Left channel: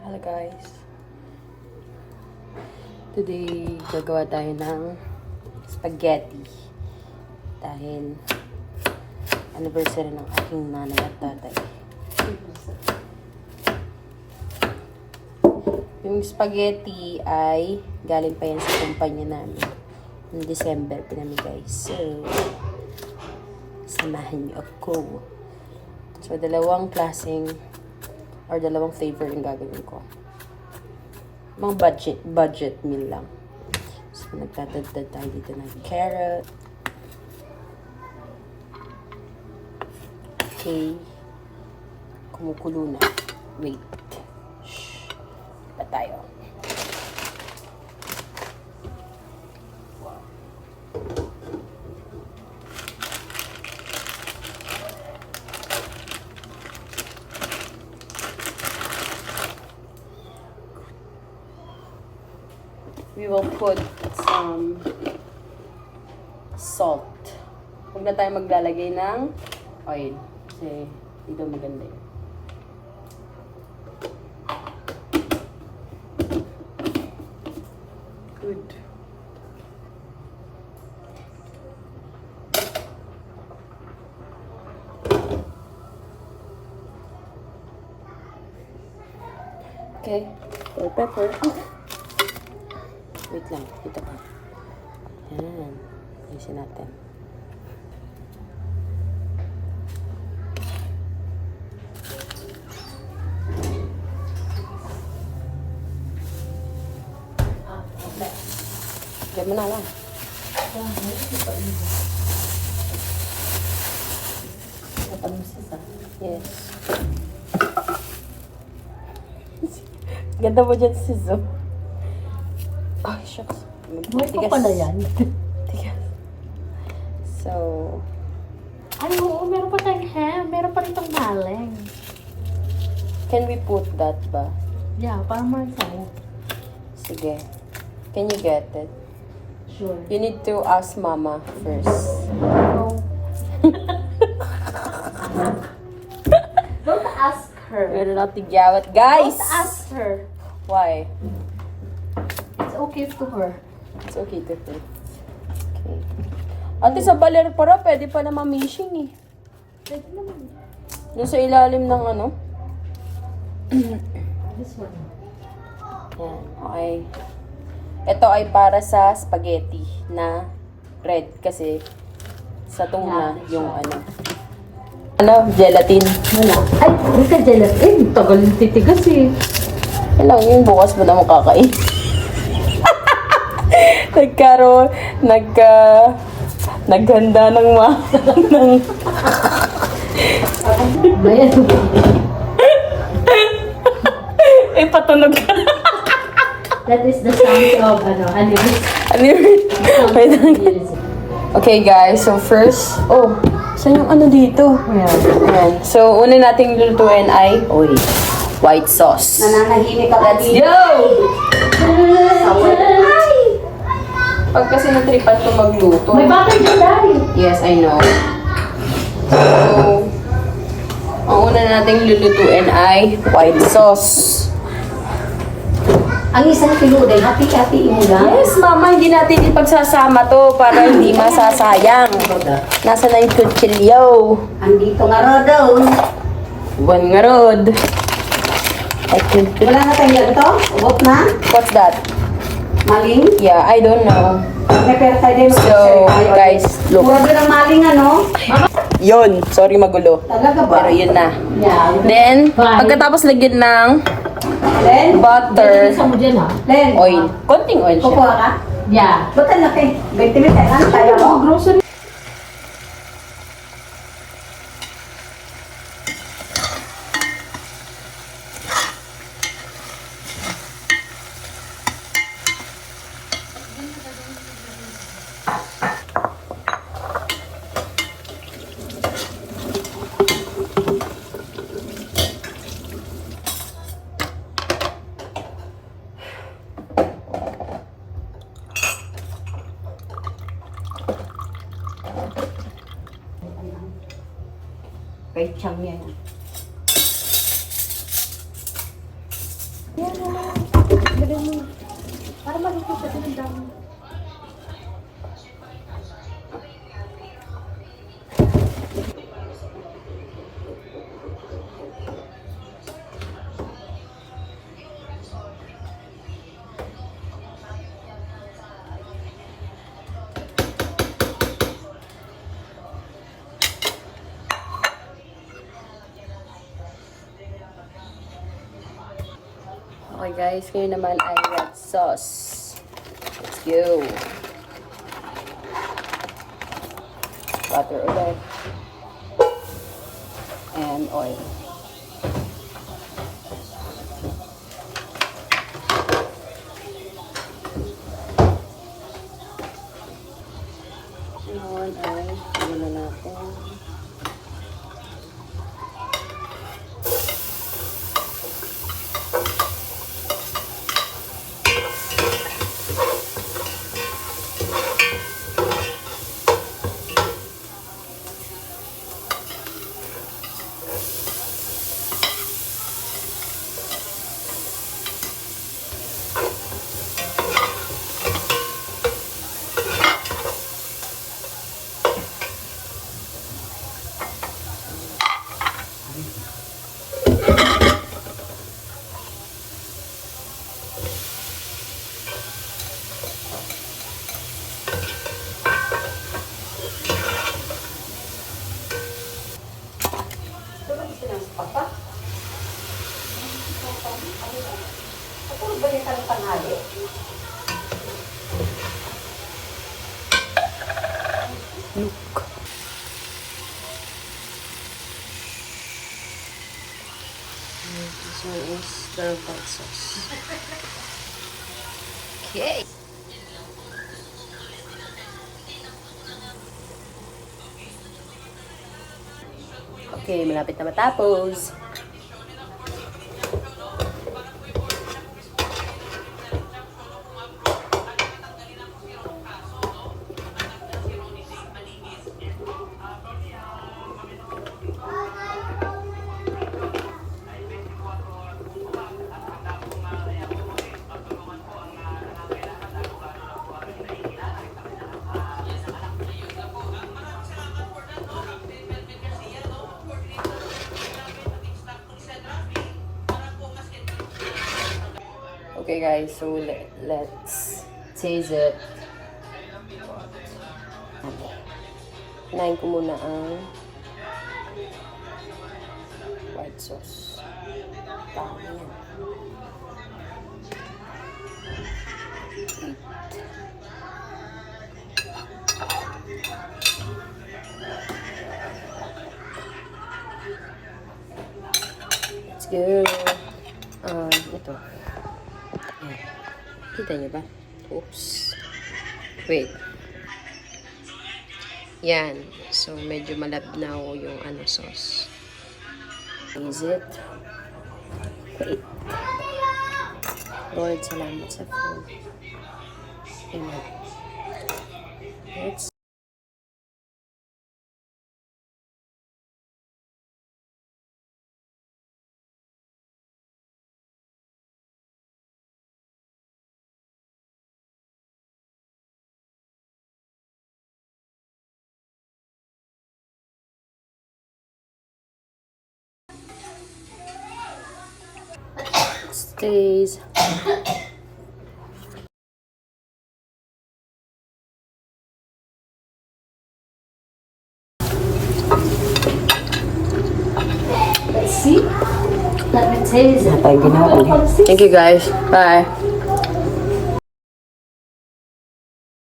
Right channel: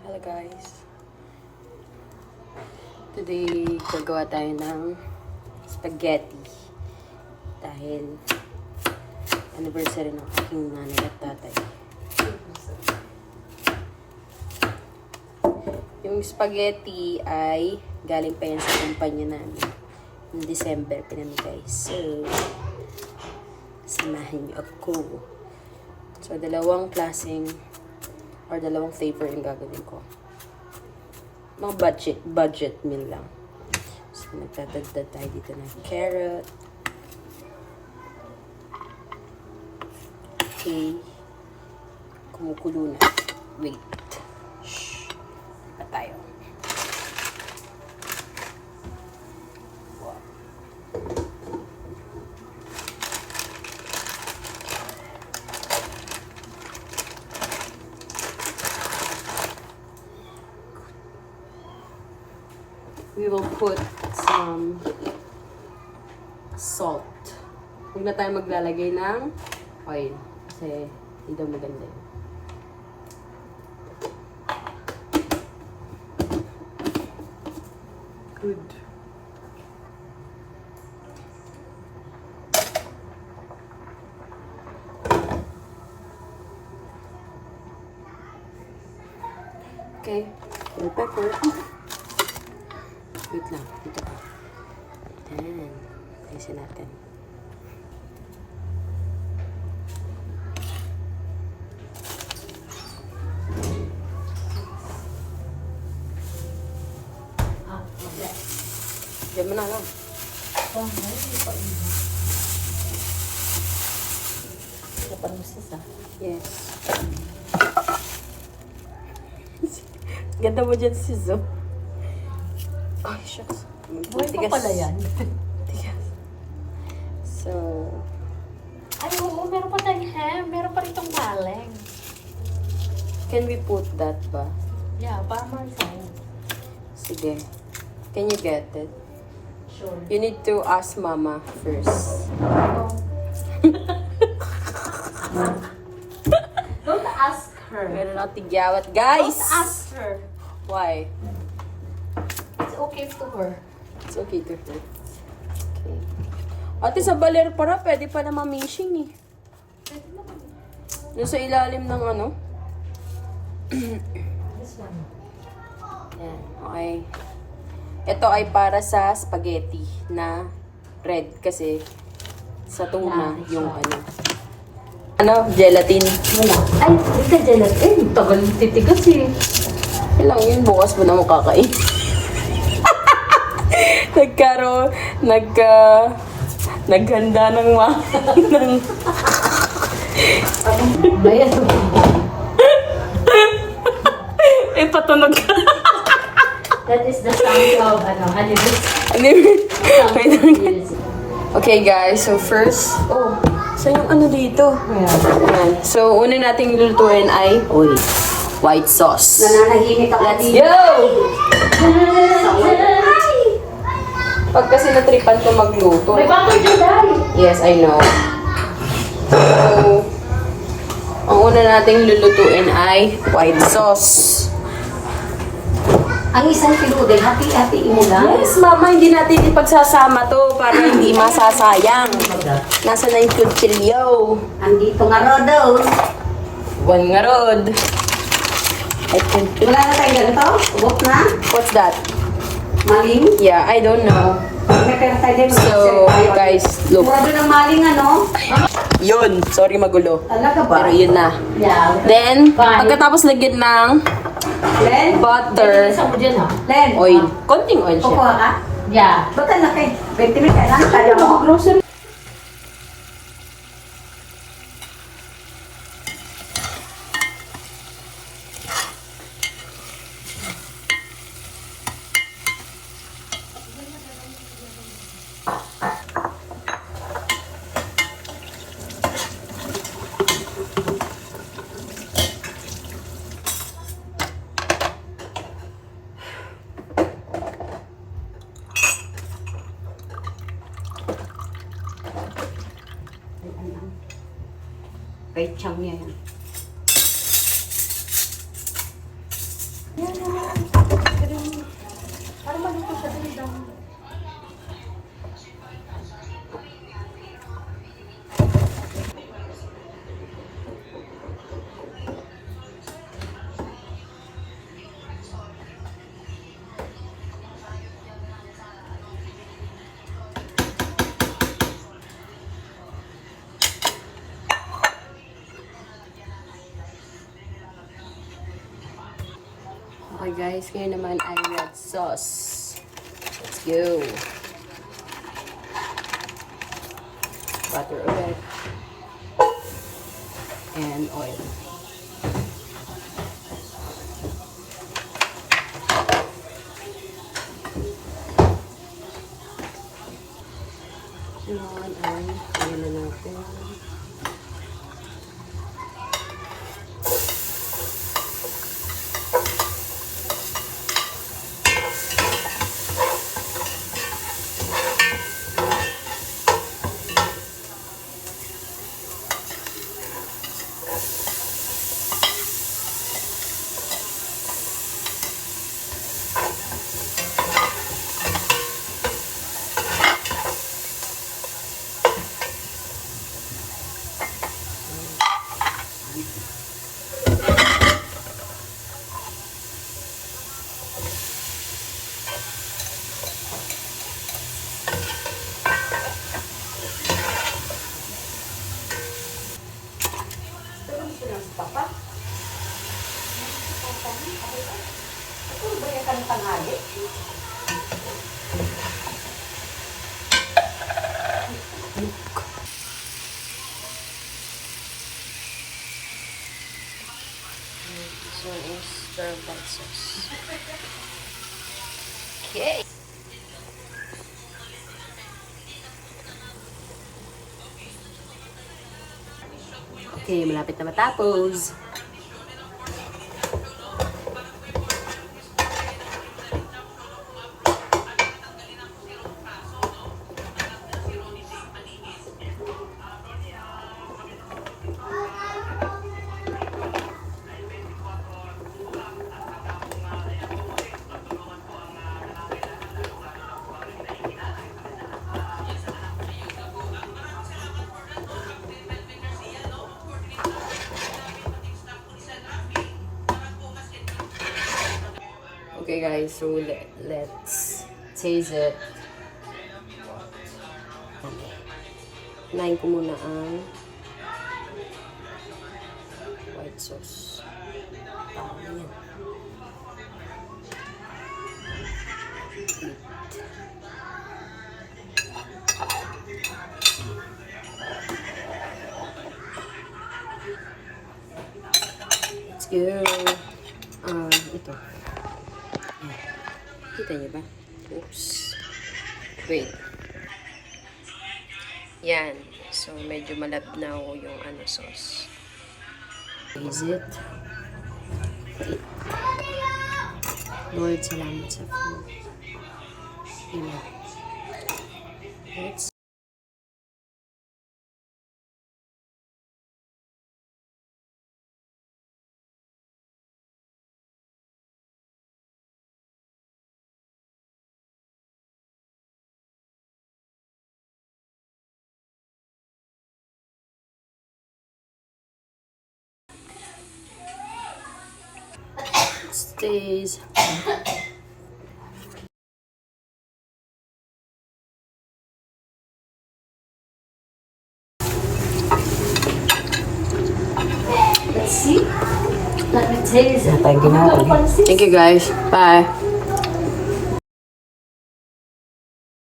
Hello guys. Today, gagawa tayo ng spaghetti. Dahil anniversary ng aking nanay at tatay. Yung spaghetti ay galing pa yan sa kumpanya namin. Noong December pinamigay. So, samahan niyo ako. So, dalawang klaseng or dalawang flavor yung gagawin ko. Mga budget meal lang. So, nagdadagdag tayo dito ng carrot. Okay. Kumukulo na. Wait. Shh. Pa tayo. We will put some salt. Huwag na tayo maglalagay ng oil. Kasi dito maganda yun. Good. Okay. Bell pepper. Wait lang. Dito ka. Ayan. Ayusin natin. Diyan mo na lang. Yes. Ganda mo dyan si Zo. Ay, shucks. May pa pala yan. Tigas. So, Ay, oo, meron pa tayong ham. Meron pa rin pang galing. can we put that ba? Yeah, parang more sa'yo. Sige. Can you get it? Sure. You need to ask Mama first. Don't ask her. Meron na tigyawat. Guys! Don't ask her. Why? It's okay to her. It's okay to her. Okay. Ate, sa baler para, pwede pa na mamishing eh. Pwede naman. Doon sa ilalim ng ano. This one. Yan. Okay. Ito ay para sa spaghetti na red kasi sa tuna yung ano, gelatin. Ay, hindi ka gelatin. Tagal yung titigas eh. Kailangan yun, bukas mo naman kakain. Naghanda ng ng Ayan. patunog ka. That is the sound of, Okay guys, so first, saan yung ano dito? Ayan. So, una nating lulutuin ay, white sauce. Nananahimik ako Let's dito. go! Pag kasi natripan ko magluto. May bakit na dahil. Yes, I know. So, ang una nating lulutuin ay white sauce. Ang isang kilo din, hati-hati mo lang. Yes, mama, hindi natin ipagsasama to para hindi masasayang. Nasa na yung kutsilyo? Andito nga rodo. One nga rod. Wala na tayong ganito? Ubot na? What's that? Maling? Yeah, I don't know. May pera tayo din. So, guys, look. Mura ba ng maling ano? Yun, sorry magulo. Talaga ba? Pero yun na. Yeah. Then, pagkatapos lagyan ng Len? butter, Isa mo dyan ha? Len? oil. Konting oil siya. Kukuha ka? Yeah. Ba't ang laki? 20 minutes. Ano tayo mo? Grocery. Kay Chang yan. Yan naman. Madali. Para maluto sa dami. Okay guys, ngayon naman ay red sauce. Let's go. Butter ulit. And oil. Ngayon ay tingnan na natin. This one is stir white sauce. Okay. Okay, malapit na matapos. Okay guys, so let's taste it. Kinain ko muna ang white sauce. Tama yan. Eat. Let's go. Ito. Yan. Kita niyo ba? Oops. Wait. Yan. So, medyo malabnaw yung sauce. Is it? Wait. Lord, salamat sa food. Amen. Let's stays. Let's see. Let me taste it. Thank you guys. Bye.